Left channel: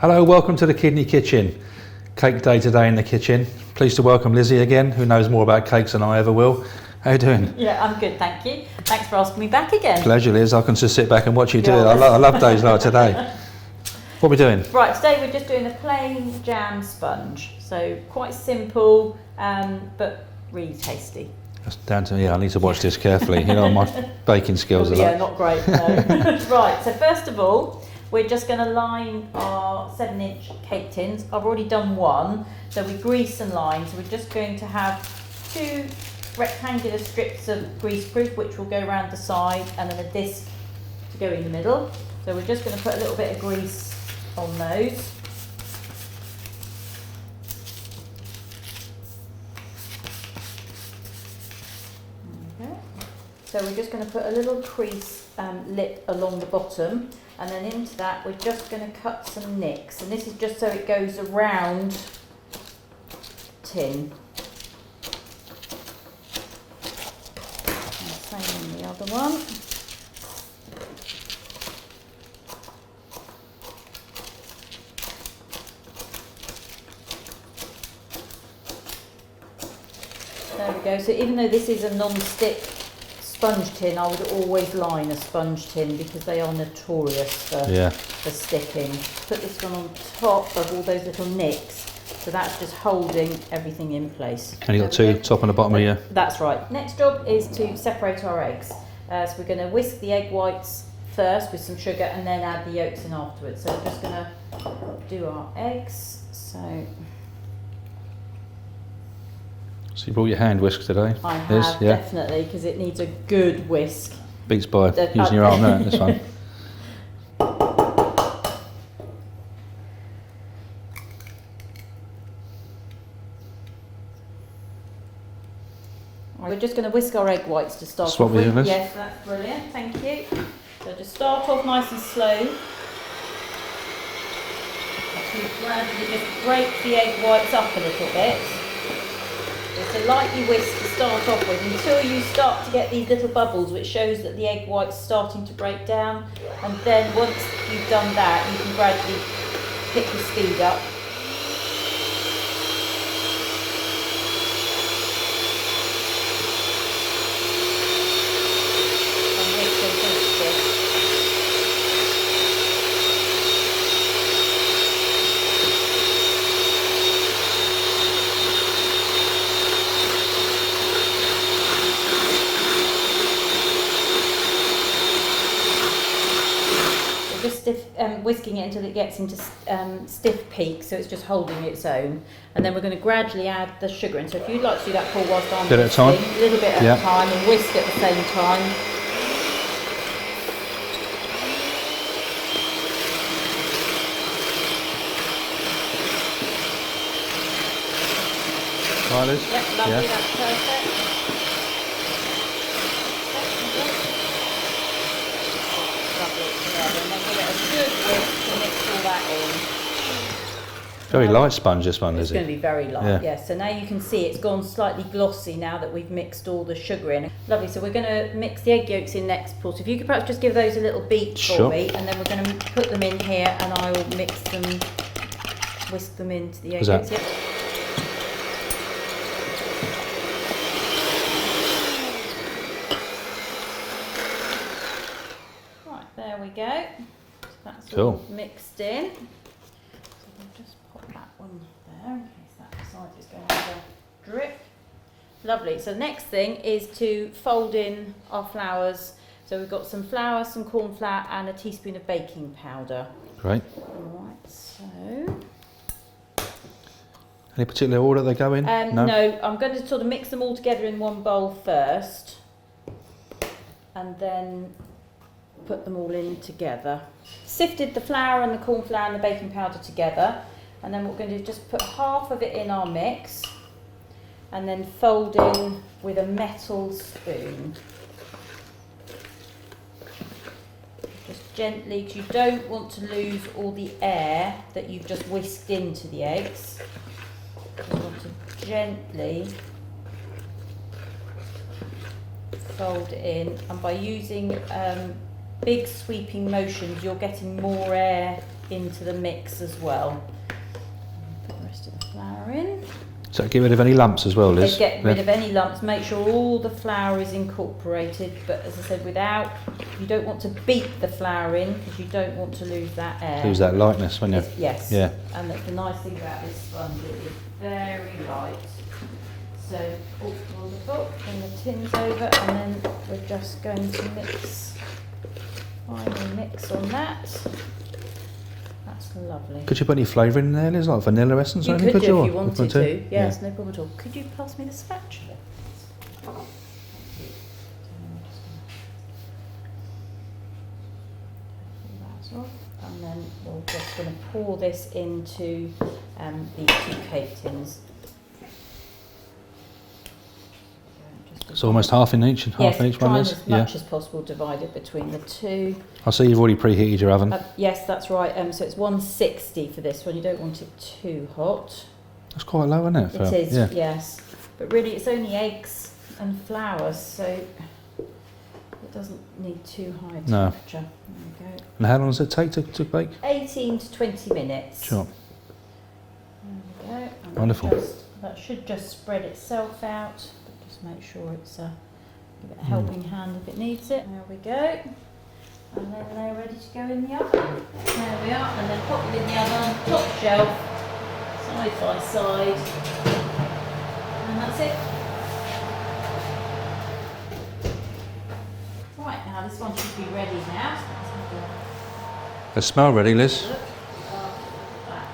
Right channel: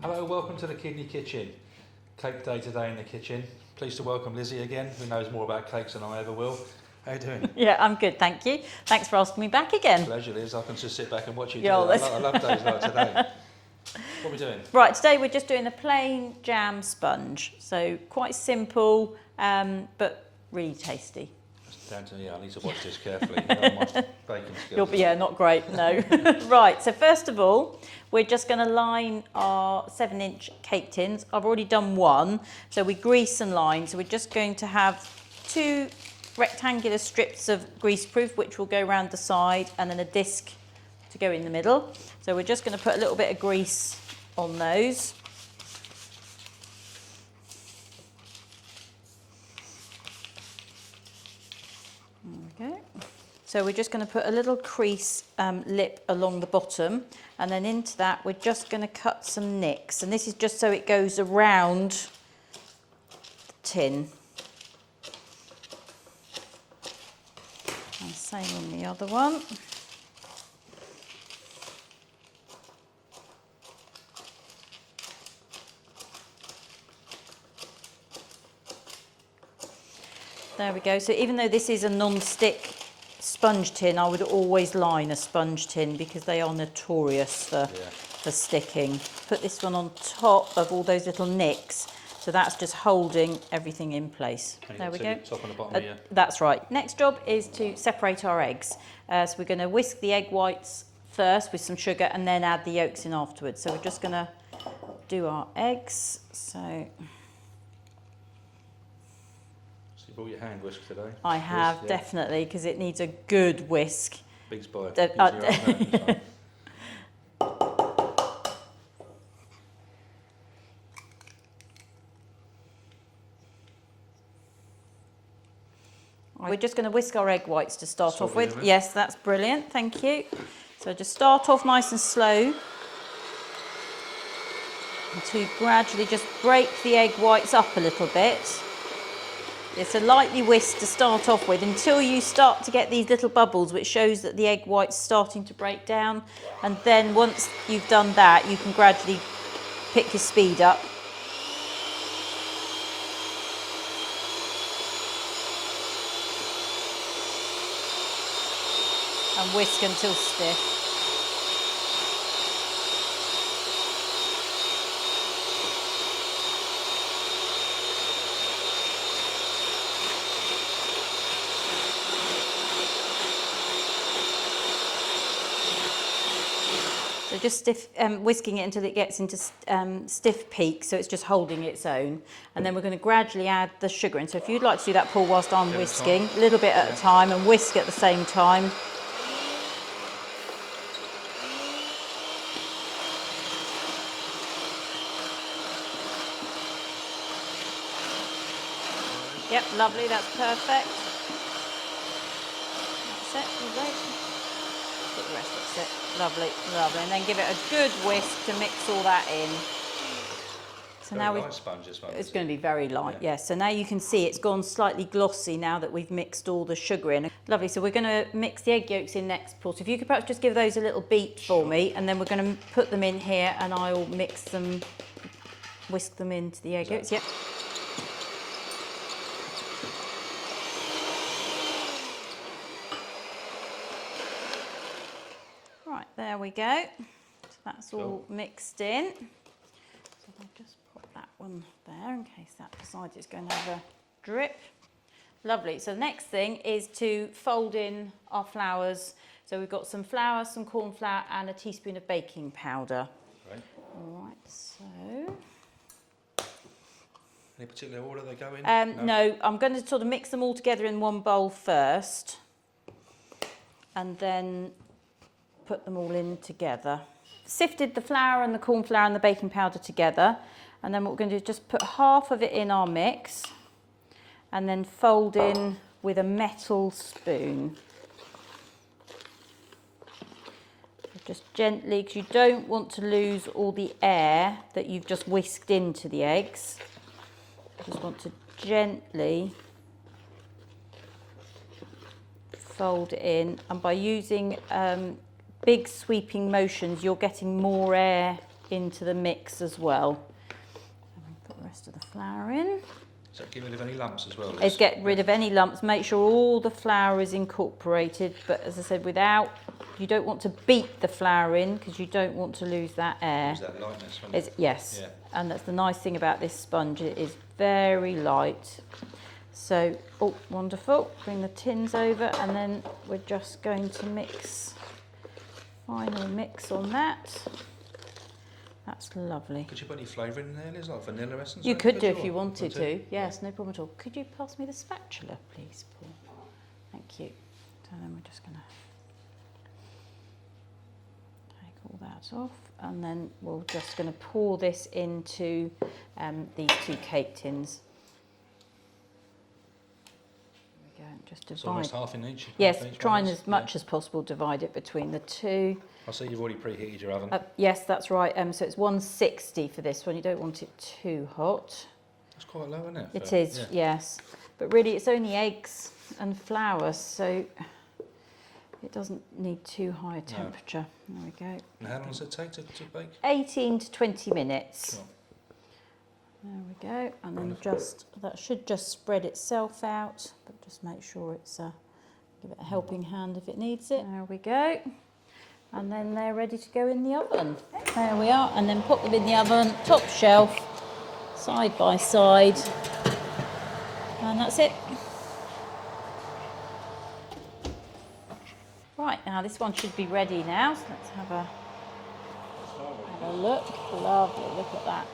Hello, welcome to the Kidney Kitchen. Cake day today in the kitchen. Pleased to welcome Lizzie again, who knows more about cakes than I ever will. How you doing? Yeah, I'm good, thank you. Thanks for asking me back again. Pleasure, Liz. I can just sit back and watch you do it. I love days like today. What are we doing? Right, today we're just doing a plain jam sponge. So quite simple, but really tasty. That's down to me. I need to watch this carefully. You know, my baking skills are Yeah, like... not great, no. Right, so first of all, we're just going to line our 7-inch cake tins. I've already done one, so we grease and line. So we're just going to have 2 rectangular strips of greaseproof, which will go around the side, and then a disc to go in the middle. So we're just going to put a little bit of grease on those. Okay. So we're just going to put a little crease lip along the bottom, and then into that we're just going to cut some nicks, and this is just so it goes around the tin. And same in the other one. There we go. So even though this is a non-stick sponge tin, I would always line a sponge tin because they are notorious for sticking. Put this one on top of all those little nicks, so that's just holding everything in place. And you've got 2, top and the bottom of you. That's right. Next job is to separate our eggs. So we're going to whisk the egg whites first with some sugar and then add the yolks in afterwards. So we're just going to do our eggs. So you brought your hand whisk today? I have, definitely, because it needs a good whisk. Beats by using your arm, no, this one. We're just going to whisk our egg whites to start off with. Yes, that's brilliant, thank you. So just start off nice and slow. To gradually just break the egg whites up a little bit. It's a lightly whisk to start off with until you start to get these little bubbles, which shows that the egg white's starting to break down. And then once you've done that, you can gradually pick your speed up. And whisk until stiff. Just whisking it until it gets into stiff peak, so it's just holding its own. And then we're going to gradually add the sugar in. So if you'd like to do that, Paul, whilst I'm whisking, a little bit at a time, and whisk at the same time. Right, Liz? Yep, lovely, that's perfect. Lovely, and then give it a good whisk to mix all that in. So very light sponge, this one, is it? It's going to be very light, yes. So now you can see it's gone slightly glossy now that we've mixed all the sugar in. Lovely, so we're going to mix the egg yolks in next, Paul. So if you could perhaps just give those a little beat for me, and then we're going to put them in here, and I will mix them, whisk them into the egg yolks. Yep. There we go. So that's all mixed in. So we'll just pop that one there in case that side is going to drip. Lovely. So the next thing is to fold in our flours. So we've got some flour, some corn flour, and a teaspoon of baking powder. Great. All right. So. Any particular order they go in? No, I'm going to sort of mix them all together in one bowl first, and then put them all in together. Sifted the flour and the corn flour and the baking powder together, and then what we're going to do is just put half of it in our mix and then fold in with a metal spoon. Just gently, because you don't want to lose all the air that you've just whisked into the eggs. Just want to gently fold it in, and by using big sweeping motions, you're getting more air into the mix as well. Put the rest of the flour in. So get rid of any lumps as well, Liz? Get rid of any lumps, make sure all the flour is incorporated, but as I said, you don't want to beat the flour in because you don't want to lose that air. Lose that lightness, won't you? Yes. Yeah. And that's the nice thing about this sponge, it is very light. So, oh, wonderful. Bring the tins over and then we're just going to mix, final mix on that. That's lovely. Could you put any flavour in there, Liz, like vanilla essence? You or anything, could do if you or wanted to. Yeah. Yes, no problem at all. Could you pass me the spatula, please? Thank you. And then we're just going to pull that off, and then we're just going to pour this into the 2 cake tins. It's almost half in each and half in each one, Liz? Yes, try as much as possible, divide it between the 2. I see you've already preheated your oven. Yes, that's right. So it's 160 for this one. You don't want it too hot. That's quite low, isn't it? It is, yes. But really it's only eggs and flour, so it doesn't need too high a temperature. There we go. And how long does it take to bake? 18 to 20 minutes. Sure. There we go. And Wonderful. That should just spread itself out, but just make sure it's give it a helping hand if it needs it. There we go. And then they're ready to go in the oven. There we are, and then pop them in the oven, top shelf, side by side, and that's it. Right, now this one should be ready now, so let's have They smell ready, a Liz. look. Lovely, look at that.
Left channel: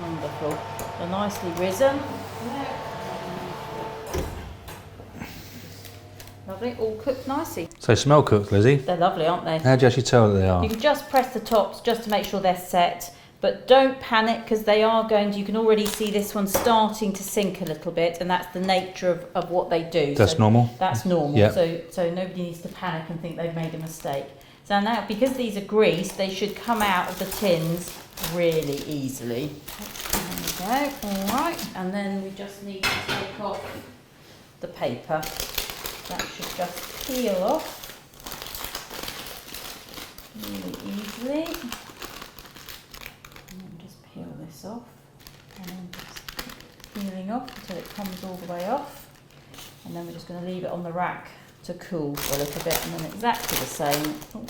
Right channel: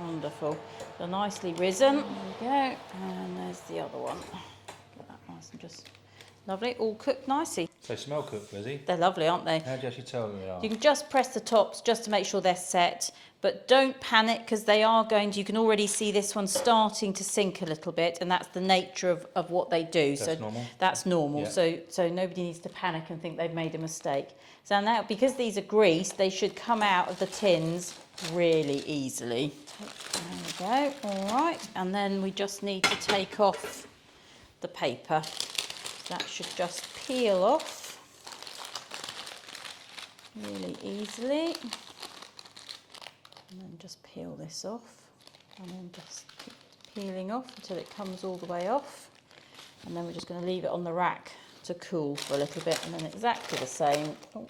Wonderful. They're nicely risen. There we go. And there's the other one. Lovely, all cooked nicely. So they smell cooked, Lizzie. They're lovely, aren't they? How do you actually tell that they are? You can just press the tops just to make sure they're set, but don't panic because they are going to, you can already see this one starting to sink a little bit, and that's the nature of what they do. That's normal? That's normal, Yeah. so nobody needs to panic and think they've made a mistake. So now, because these are greased, they should come out of the tins really easily. There we go, all right, and then we just need to take off the paper. That should just peel off really easily. And then just peel this off, and then just peeling off until it comes all the way off. And then we're just going to leave it on the rack to cool for a little bit, and then exactly the same. Oh.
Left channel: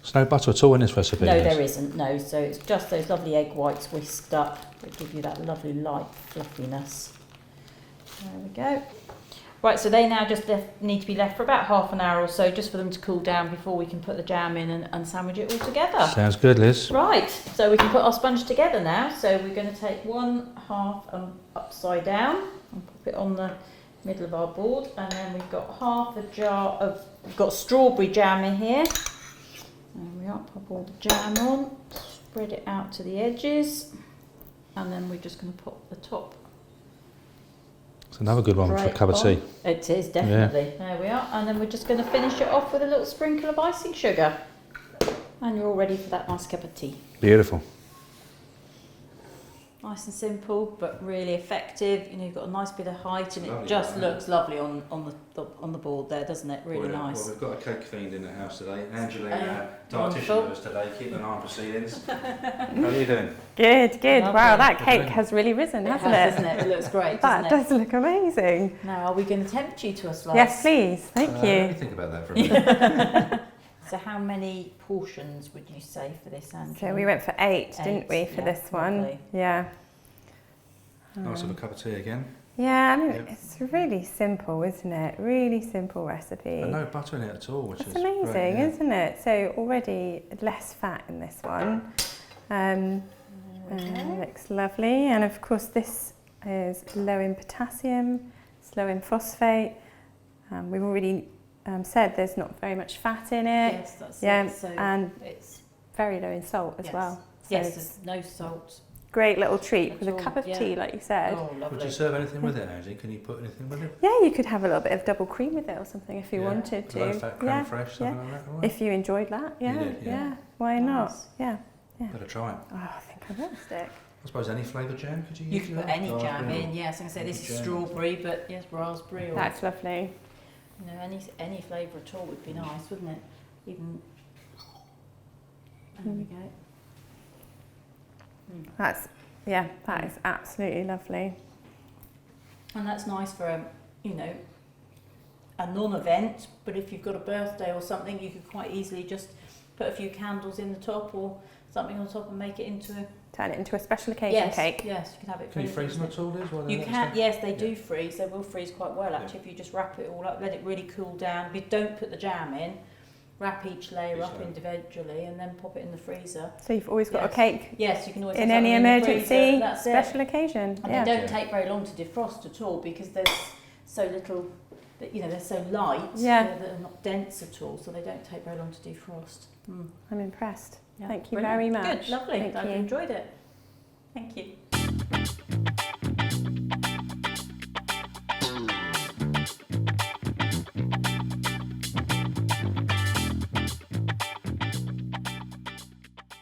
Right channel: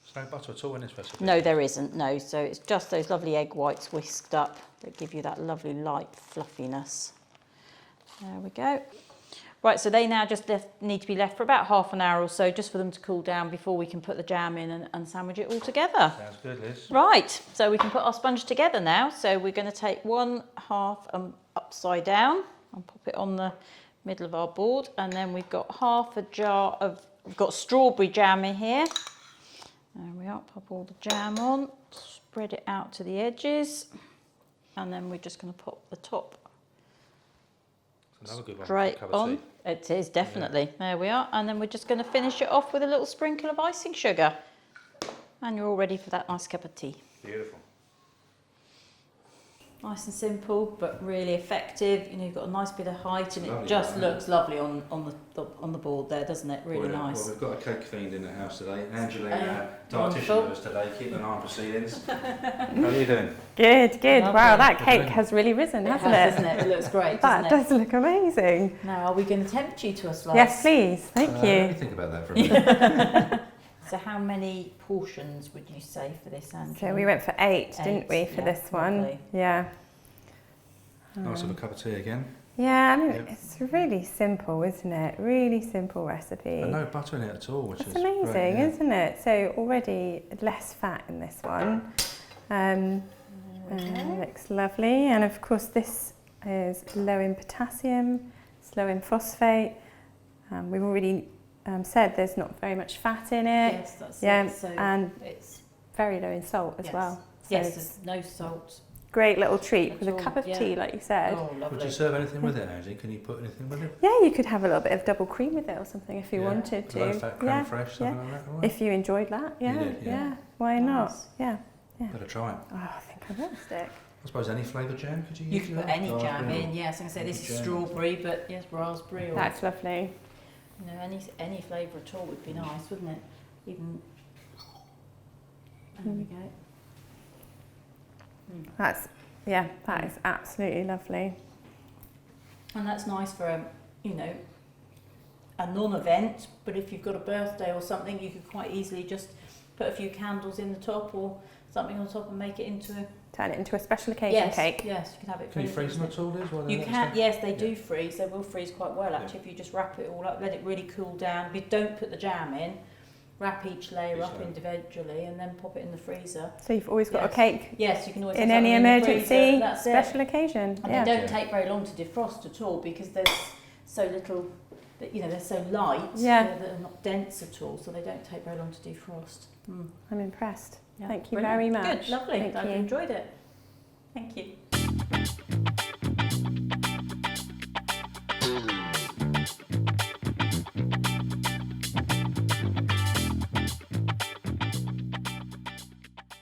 There's no butter at all in this recipe? No, Liz? there isn't, no. So it's just those lovely egg whites whisked up that give you that lovely light fluffiness. There we go. Right, so they now just need to be left for about half an hour or so, just for them to cool down before we can put the jam in and sandwich it all together. Sounds good, Liz. Right, so we can put our sponge together now. So we're going to take one half upside down and pop it on the middle of our board, and then we've got half a jar of, we've got strawberry jam in here. There we are, pop all the jam on, spread it out to the edges, and then we're just going to pop the top. It's another good one for a cup of tea. It is, definitely. Yeah. There we are. And then we're just going to finish it off with a little sprinkle of icing sugar. And you're all ready for that nice cup of tea. Beautiful. Nice and simple, but really effective. You know, you've got a nice bit of height, and it just looks lovely on the board there, doesn't it? Really nice. Well, we've got a cake fiend in the house today. Angelina, dietitian with us today, keeping an eye on proceedings. How are you doing? Good, good. Lovely. Wow, that cake has really risen, hasn't it? Doesn't it? It looks great, That doesn't it? does look amazing. Now, are we going to tempt you to a slice? Yes, please. Thank Let me you. think about that for a minute. So how many portions would you say for this, Angela? So we went for 8, didn't we, for yeah, this one? lovely. Yeah. Nice of a cup of tea again. Yeah, I mean, Yep. it's really simple, isn't it? Really simple recipe. And no butter in it at all, which It's is amazing, great, yeah. isn't it? So already less fat in this one. Looks lovely. And of course this is low in potassium, it's low in phosphate. We've already said there's not very much fat in it. Yes, that's Yeah, it. So and it's very low in salt as yes. well. So Yes, it's there's no salt. great little treat with a At all, cup of yeah. tea, like you said. Oh, lovely. Would you serve anything with it, Angie? Can you put anything with it? Yeah, you could have a little bit of double cream with it or something if you Yeah. wanted to. Low fat, creme yeah, fraiche, something like that? All right. if you enjoyed that, yeah, did, yeah. Why not? Nice. Yeah. Better try it. Oh, I think I will stick. I suppose any flavoured jam could you use? You can put any Oh, jam really? in. Yes, I can say this is Jam. strawberry, but yes, raspberry or That's lovely. you know any flavour at all would be nice, wouldn't it? Even There we go. That is absolutely lovely. And that's nice for a non-event, but if you've got a birthday or something, you could quite easily just put a few candles in the top or something on top and make it into a... Turn it into a special occasion cake. Yes, you can have it. Can you freeze them at all, Liz? while they're You next can, to- yes, they do freeze. They will freeze quite well actually if you just wrap it all up, let it really cool down. You don't put the jam in, wrap each layer up individually and then pop it in the freezer. So you've always got a cake Yes, you can always in have any something in the emergency freezer. That's special it. occasion. And they don't take very long to defrost at all because there's so little, they're so light, they're not dense at all, so they don't take very long to defrost. I'm impressed. Yeah, Thank you brilliant. very much. Good, lovely. Thank I've you. enjoyed it. Thank you.